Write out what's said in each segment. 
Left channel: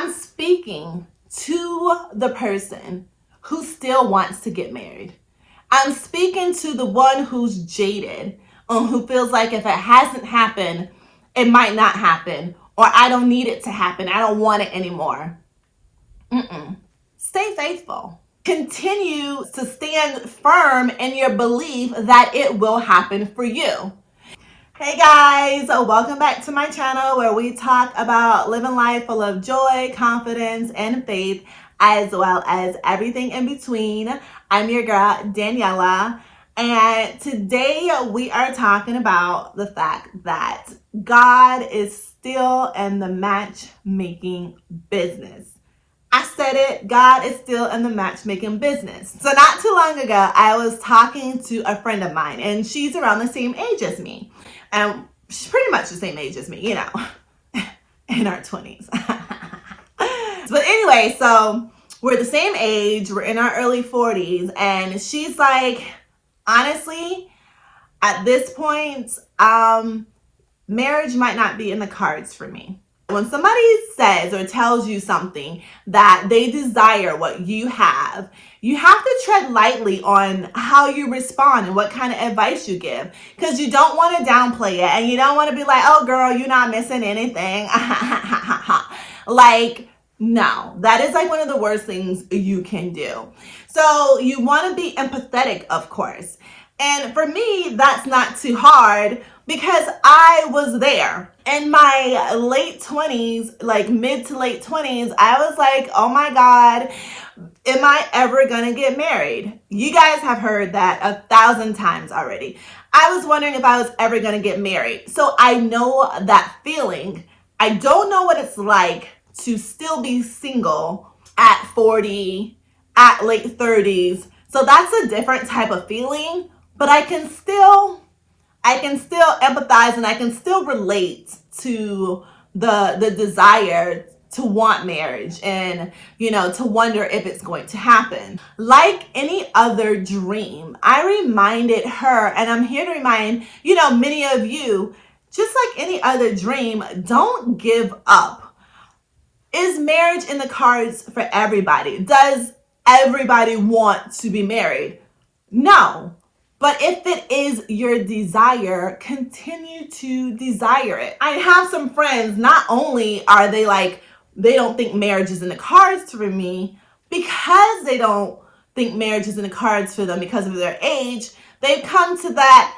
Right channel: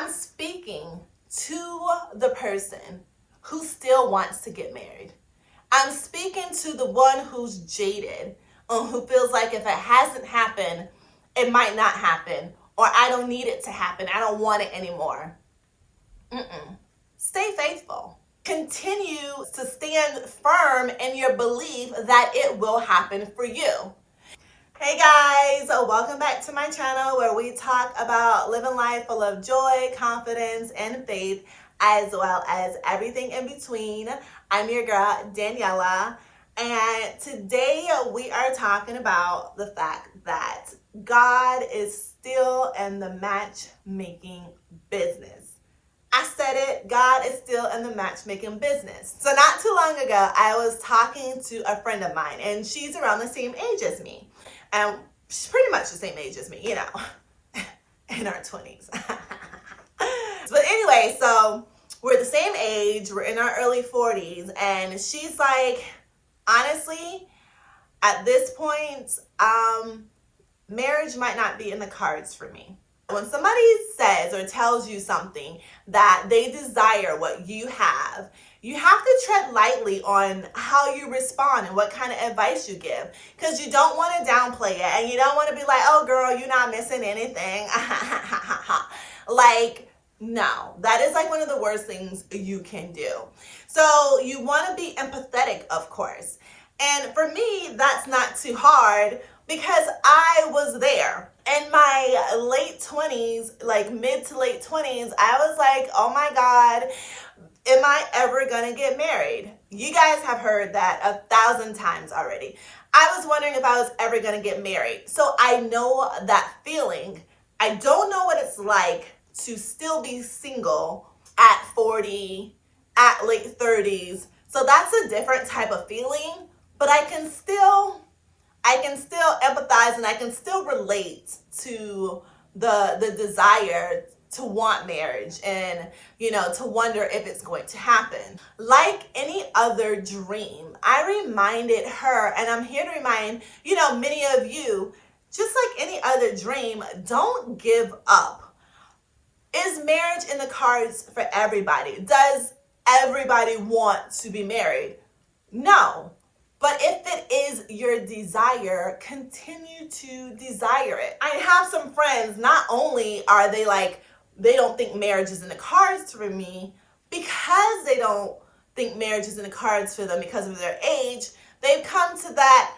I'm speaking to the person who still wants to get married. I'm speaking to the one who's jaded, who feels like if it hasn't happened, it might not happen, or I don't need it to happen. I don't want it anymore. Stay faithful. Continue to stand firm in your belief that it will happen for you. Hey guys, welcome back to my channel where we talk about living life full of joy, confidence, and faith, as well as everything in between. I'm your girl, Daniela, and today we are talking about the fact that God is still in the matchmaking business. I said it, God is still in the matchmaking business. So not too long ago, I was talking to a friend of mine, and she's around the same age as me. And she's pretty much the same age as me, you know, in our 20s. But anyway, so we're the same age, we're in our early 40s, and she's like, honestly, at this point, marriage might not be in the cards for me. When somebody says or tells you something that they desire what you have to tread lightly on how you respond and what kind of advice you give, because you don't want to downplay it and you don't want to be like, oh girl, you're not missing anything. Like, no, that is like one of the worst things you can do. So you want to be empathetic, of course. And for me, that's not too hard because I was there. In my late 20s, like mid to late 20s, I was like, oh my God, am I ever gonna get married? You guys have heard that 1,000 times already. I was wondering if I was ever gonna get married. So I know that feeling. I don't know what it's like to still be single at 40, at late 30s. So that's a different type of feeling, but I can still empathize and I can still relate to the desire to want marriage and, you know, to wonder if it's going to happen. Like any other dream, I reminded her, and I'm here to remind, you know, many of you, just like any other dream, don't give up. Is marriage in the cards for everybody? Does everybody want to be married? No. But if it is your desire, continue to desire it. I have some friends, not only are they like, they don't think marriage is in the cards for me, because they don't think marriage is in the cards for them because of their age, they've come to that,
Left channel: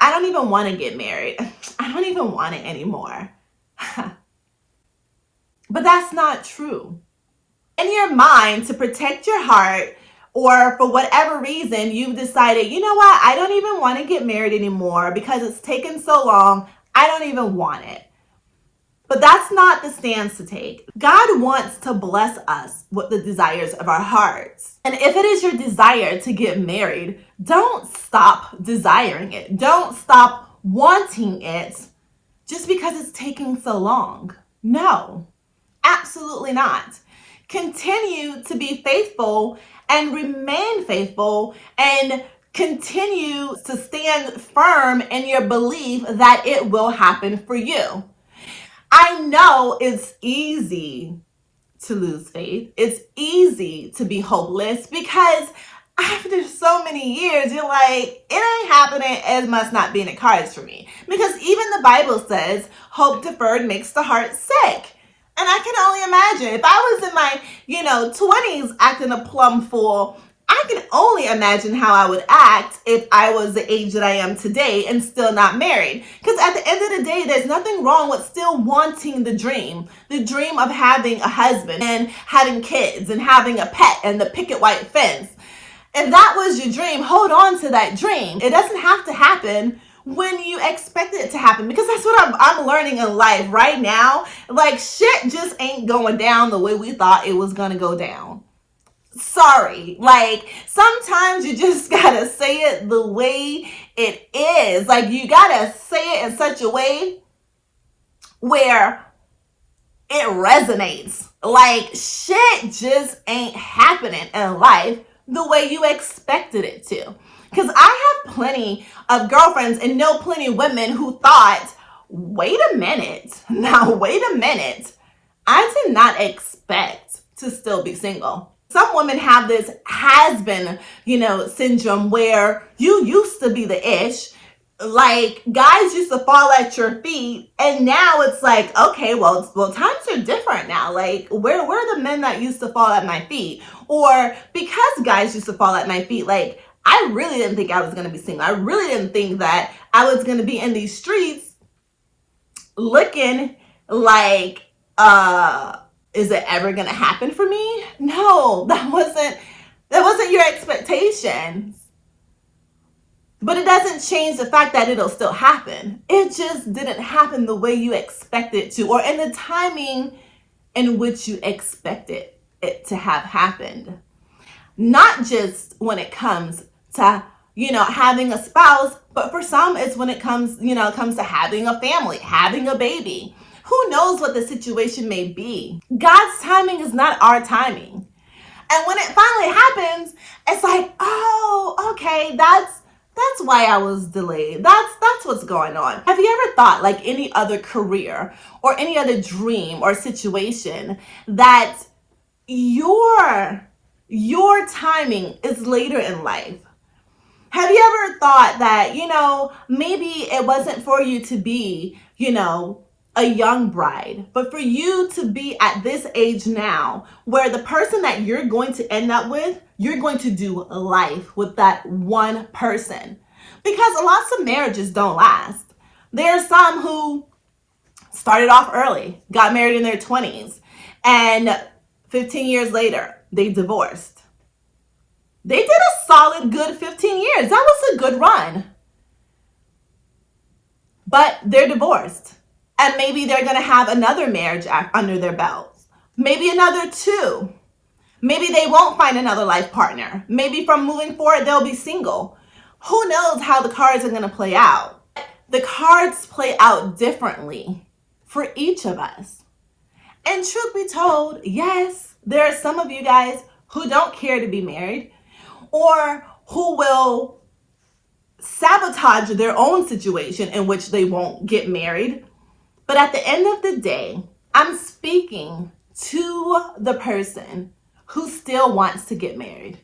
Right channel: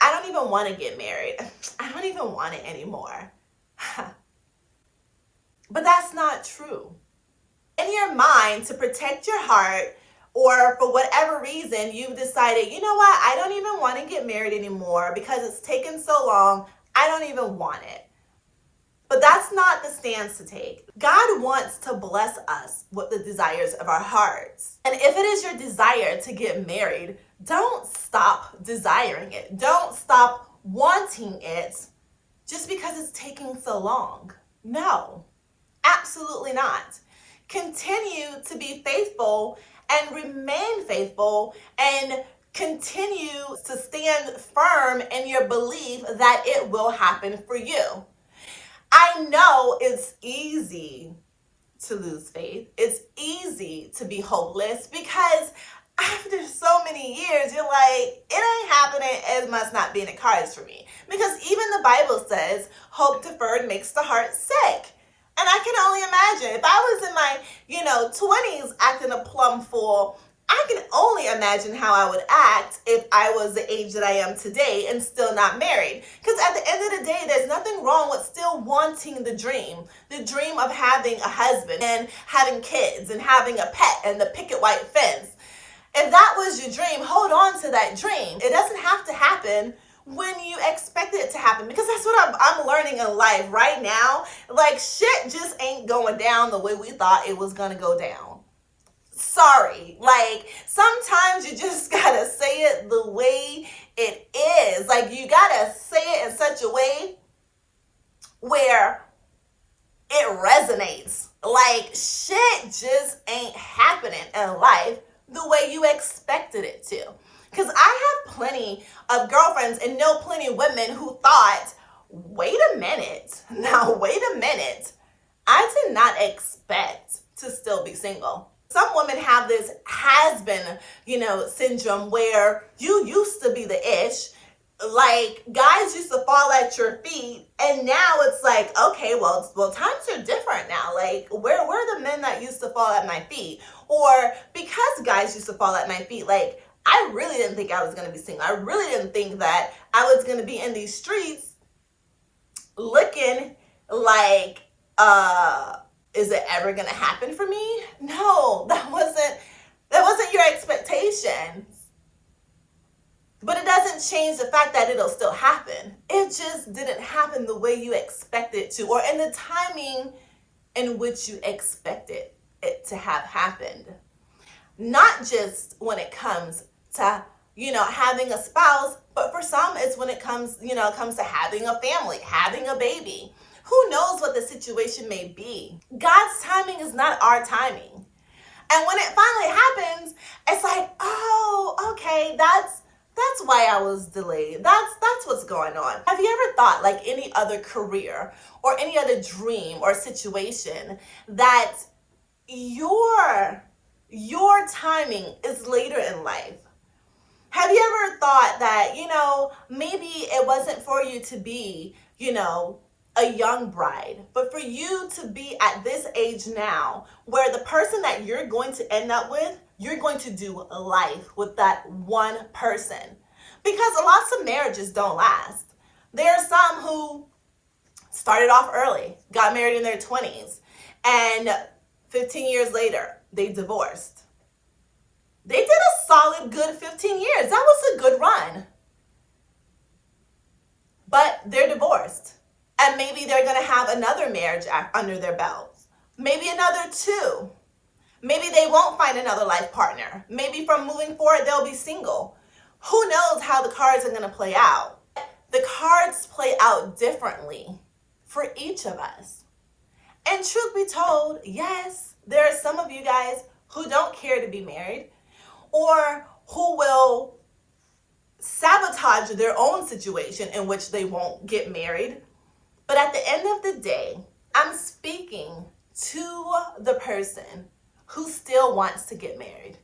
I don't even want to get married. I don't even want it anymore. But that's not true. In your mind, to protect your heart, or for whatever reason, you've decided, you know what, I don't even want to get married anymore because it's taken so long, I don't even want it. But that's not the stance to take. God wants to bless us with the desires of our hearts. And if it is your desire to get married, don't stop desiring it. Don't stop wanting it just because it's taking so long. No, absolutely not. Continue to be faithful and remain faithful and continue to stand firm in your belief that it will happen for you. I know it's easy to lose faith. It's easy to be hopeless because after so many years, you're like, it ain't happening, it must not be in the cards for me. Because even the Bible says, hope deferred makes the heart sick. And I can only imagine if I was in my, 20s acting a plum fool, I can only imagine how I would act if I was the age that I am today and still not married. Because at the end of the day, there's nothing wrong with still wanting the dream of having a husband and having kids and having a pet and the picket white fence. If that was your dream, hold on to that dream. It doesn't have to happen when you expect it to happen, because that's what I'm learning in life right now. Like, shit just ain't going down the way we thought it was gonna go down. Sorry, like sometimes you just gotta say it the way it is. Like, you gotta say it in such a way where it resonates. Like, shit just ain't happening in life the way you expected it to. Because I have plenty of girlfriends and know plenty of women who thought, wait a minute. I did not expect to still be single. Some women have this has-been, syndrome where you used to be the ish. Like, guys used to fall at your feet, and now it's like, okay, well, times are different now. Like, where are the men that used to fall at my feet? Or because guys used to fall at my feet, like, I really didn't think I was going to be single. I really didn't think that I was going to be in these streets looking like, is it ever going to happen for me? No, that wasn't your expectations. But it doesn't change the fact that it'll still happen. It just didn't happen the way you expected it to, or in the timing in which you expected it to have happened. Not just when it comes to, having a spouse, but for some, it's when it comes to having a family, having a baby. Who knows what the situation may be? God's timing is not our timing. And when it finally happens, it's like, oh, okay, that's why I was delayed. That's what's going on. Have you ever thought, like any other career or any other dream or situation, that your timing is later in life? Have you ever thought that, maybe it wasn't for you to be, a young bride, but for you to be at this age now where the person that you're going to end up with, you're going to do life with that one person? Because lots of marriages don't last. There are some who started off early, got married in their 20s, and 15 years later, they divorced. They did a solid good 15 years. That was a good run. But they're divorced. And maybe they're going to have another marriage under their belts. Maybe another 2. Maybe they won't find another life partner. Maybe from moving forward, they'll be single. Who knows how the cards are going to play out? The cards play out differently for each of us. And truth be told, yes, there are some of you guys who don't care to be married, or who will sabotage their own situation in which they won't get married. But at the end of the day, I'm speaking to the person who still wants to get married.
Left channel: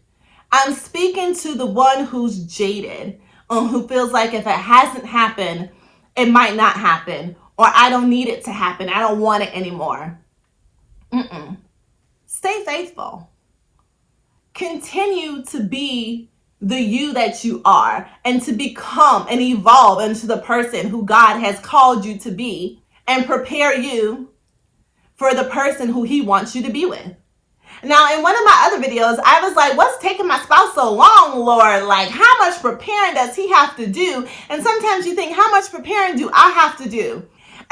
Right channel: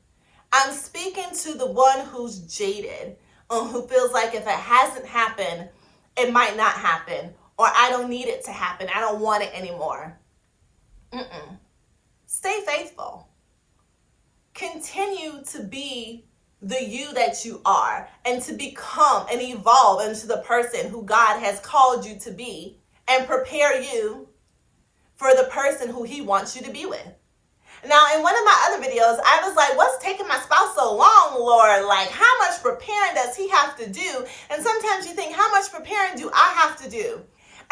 I'm speaking to the one who's jaded, who feels like if it hasn't happened, it might not happen, or I don't need it to happen. I don't want it anymore. Stay faithful. Continue to be the you that you are, and to become and evolve into the person who God has called you to be, and prepare you for the person who he wants you to be with. Now, in one of my other videos, I was like, what's taking my spouse so long, Lord? Like, how much preparing does he have to do? And sometimes you think, how much preparing do I have to do?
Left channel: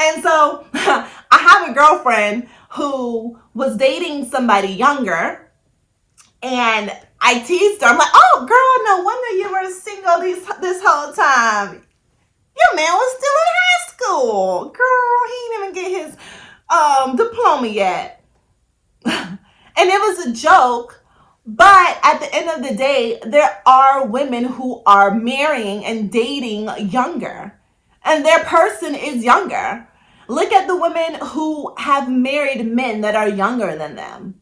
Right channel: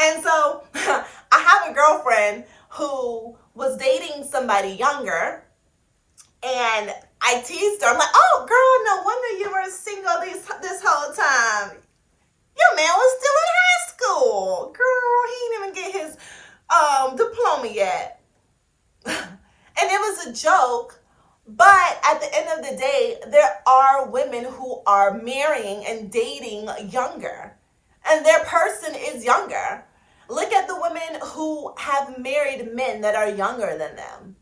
And so I have a girlfriend who was dating somebody younger, and I teased her. I'm like, oh, girl, no wonder you were single this whole time. Your man was still in high school. Girl, he didn't even get his diploma yet. And it was a joke, but at the end of the day, there are women who are marrying and dating younger, and their person is younger. Look at the women who have married men that are younger than them.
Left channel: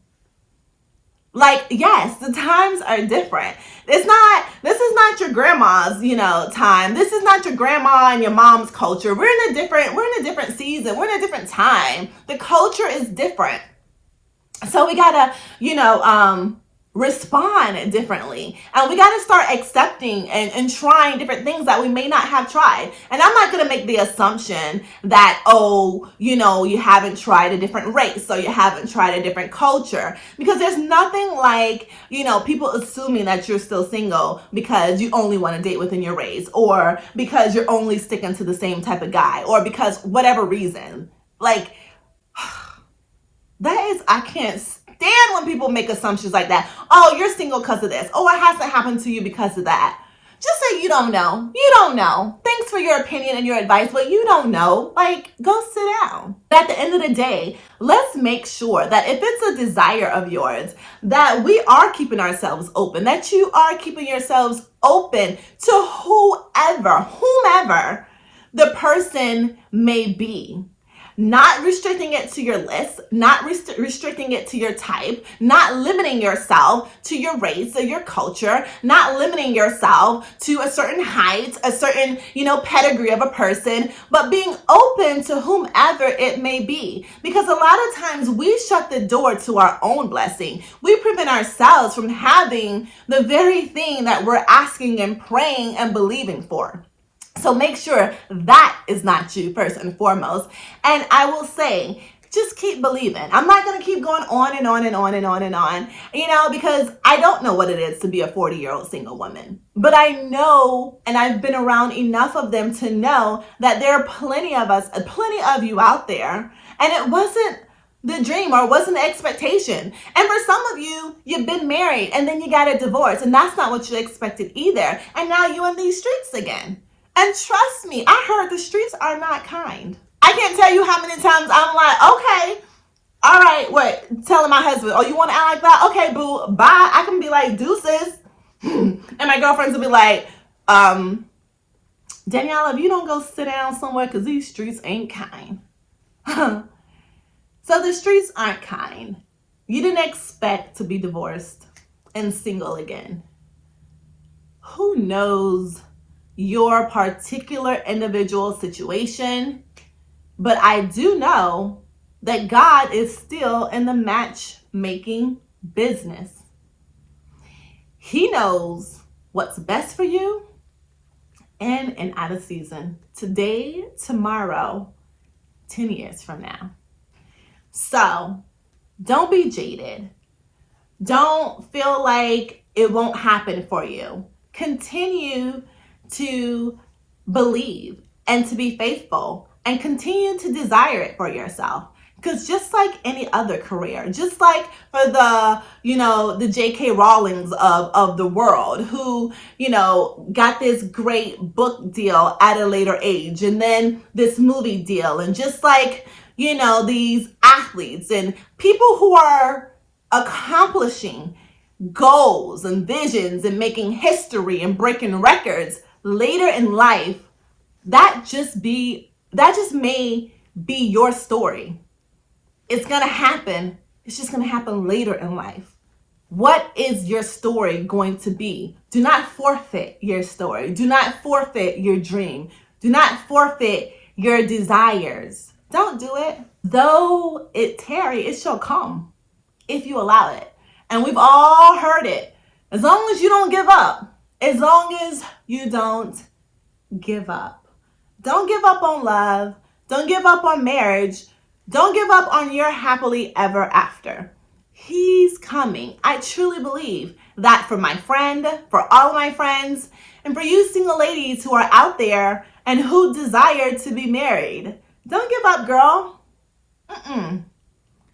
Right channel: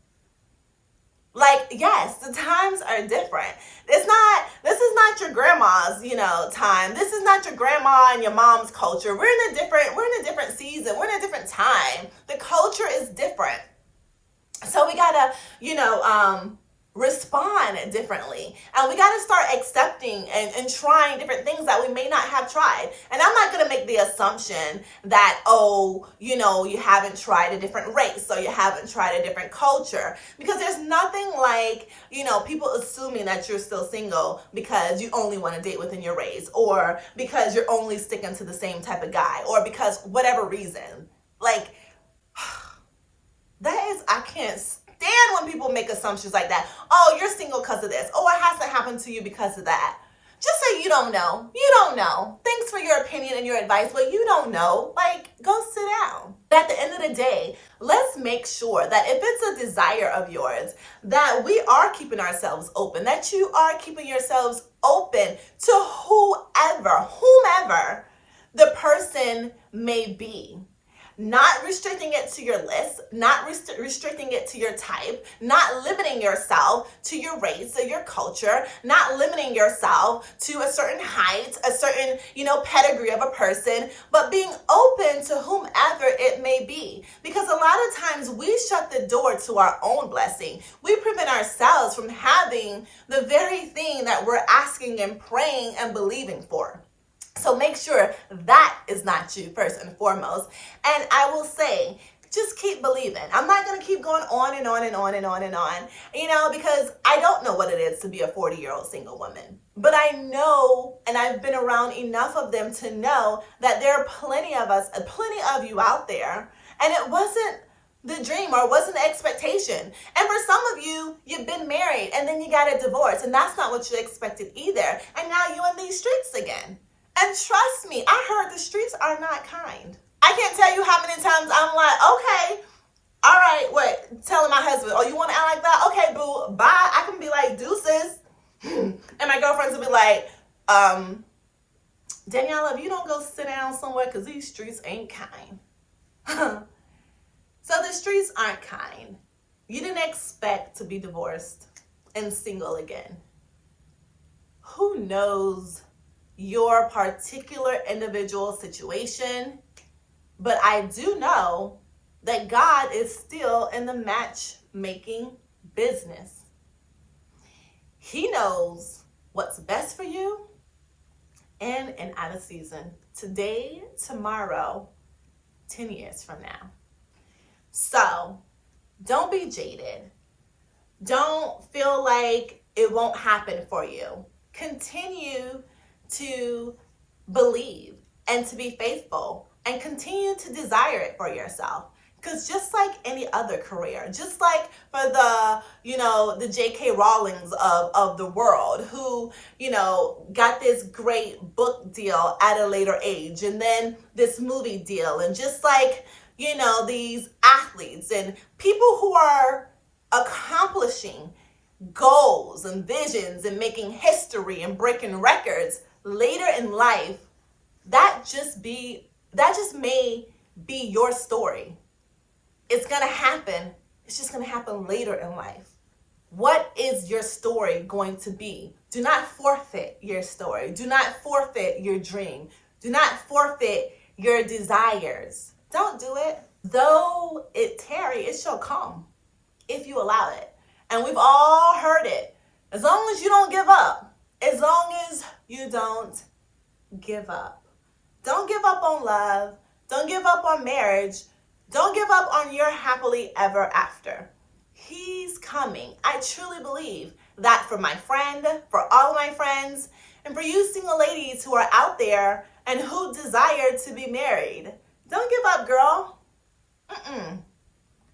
Like, yes, the times are different. This is not your grandma's, time. This is not your grandma and your mom's culture. We're in a different season. We're in a different time. The culture is different. So we gotta, respond differently. And we gotta start accepting and trying different things that we may not have tried. And I'm not gonna make the assumption that, you haven't tried a different race, or you haven't tried a different culture. Because there's nothing like, people assuming that you're still single because you only want to date within your race, or because you're only sticking to the same type of guy, or because whatever reason. Like, I can't stand when people make assumptions like that. Oh, you're single because of this. Oh, it hasn't happened to you because of that. Just say you don't know. You don't know. Thanks for your opinion and your advice, but you don't know. Like, go sit down. At the end of the day, let's make sure that if it's a desire of yours, that we are keeping ourselves open, that you are keeping yourselves open to whomever the person may be. not restricting it to your list, not restricting it to your type, not limiting yourself to your race or your culture, not limiting yourself to a certain height, a certain, pedigree of a person, but being open to whomever it may be. Because a lot of times we shut the door to our own blessing. We prevent ourselves from having the very thing that we're asking and praying and believing for. So make sure that is not you first and foremost. And I will say, just keep believing. I'm not going to keep going on and on and on and on and on, because I don't know what it is to be a 40-year-old single woman. But I know, and I've been around enough of them to know that there are plenty of us, plenty of you out there. And it wasn't the dream or wasn't the expectation. And for some of you, you've been married and then you got a divorce, and that's not what you expected either. And now you're in these streets again. And trust me, I heard the streets are not kind. I can't tell you how many times I'm like, okay, all right, what? Telling my husband, oh, you want to act like that? Okay, boo, bye. I can be like, deuces. And my girlfriends will be like, Danielle, if you don't go sit down somewhere, because these streets ain't kind. So the streets aren't kind. You didn't expect to be divorced and single again. Who knows your particular individual situation? But I do know that God is still in the matchmaking business. He knows what's best for you in and out of season. Today, tomorrow, 10 years from now. So don't be jaded. Don't feel like it won't happen for you. Continue to believe and to be faithful and continue to desire it for yourself. Because just like any other career, just like for the, the J.K. Rowlings of the world who, got this great book deal at a later age and then this movie deal, and just like, these athletes and people who are accomplishing goals and visions and making history and breaking records later in life, that just may be your story. It's going to happen. It's just going to happen later in life. What is your story going to be? Do not forfeit your story. Do not forfeit your dream. Do not forfeit your desires. Don't do it. Though it tarry, it shall come if you allow it. And we've all heard it. As long as you don't give up. As long as you don't give up. Don't give up on love. Don't give up on marriage. Don't give up on your happily ever after. He's coming. I truly believe that for my friend, for all of my friends, and for you single ladies who are out there and who desire to be married. Don't give up, girl.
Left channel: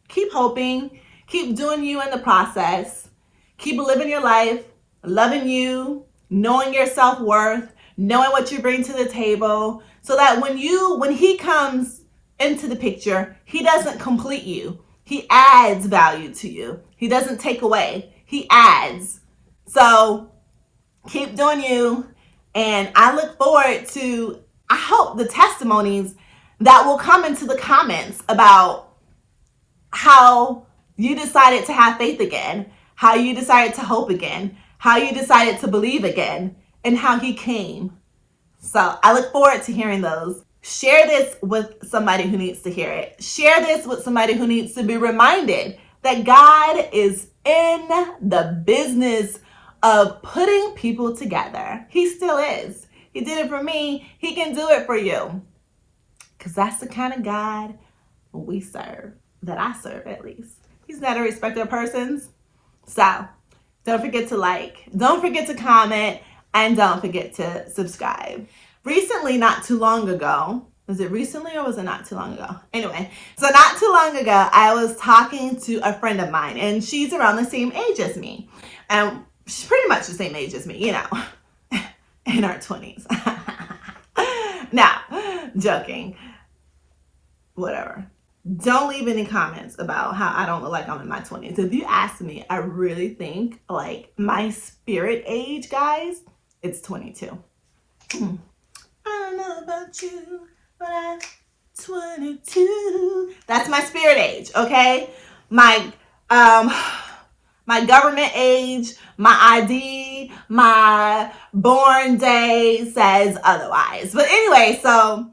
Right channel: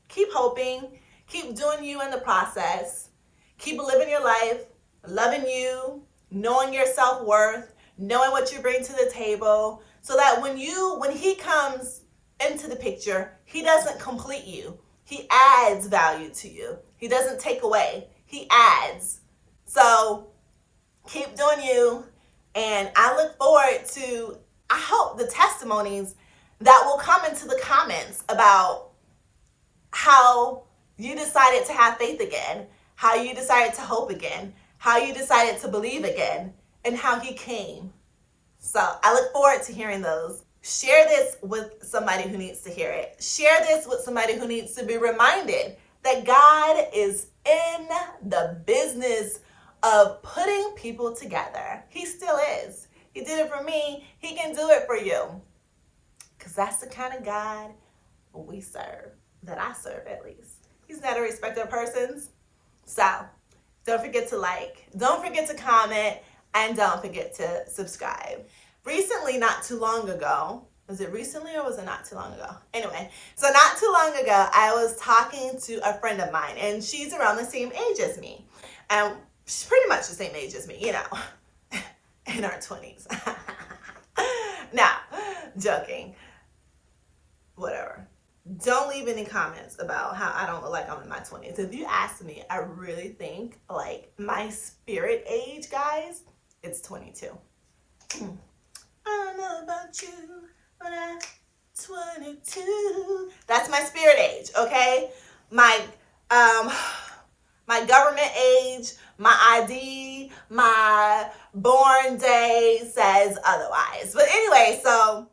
Keep hoping. Keep doing you in the process. Keep living your life, loving you, knowing your self-worth, knowing what you bring to the table, so that when he comes into the picture, he doesn't complete you. He adds value to you. He doesn't take away. He adds. So keep doing you. And I look forward to, I hope, the testimonies that will come into the comments about how you decided to have faith again, how you decided to hope again, how you decided to believe again, and how he came. So I look forward to hearing those. Share this with somebody who needs to hear it. Share this with somebody who needs to be reminded that God is in the business of putting people together. He still is. He did it for me. He can do it for you. Because that's the kind of God we serve, that I serve at least. He's not a respecter of persons. So don't forget to like, don't forget to comment, and don't forget to subscribe. Recently, not too long ago, was it recently or was it not too long ago? Anyway, so not too long ago, I was talking to a friend of mine, and she's around the same age as me. And she's pretty much the same age as me, in our 20s. Now, joking. Whatever. Don't leave any comments about how I don't look like I'm in my 20s. If you ask me, I really think like my spirit age, guys, it's 22. I don't know about you, but I 22. That's my spirit age, okay? My my government age, my ID, my born day says otherwise. But anyway, so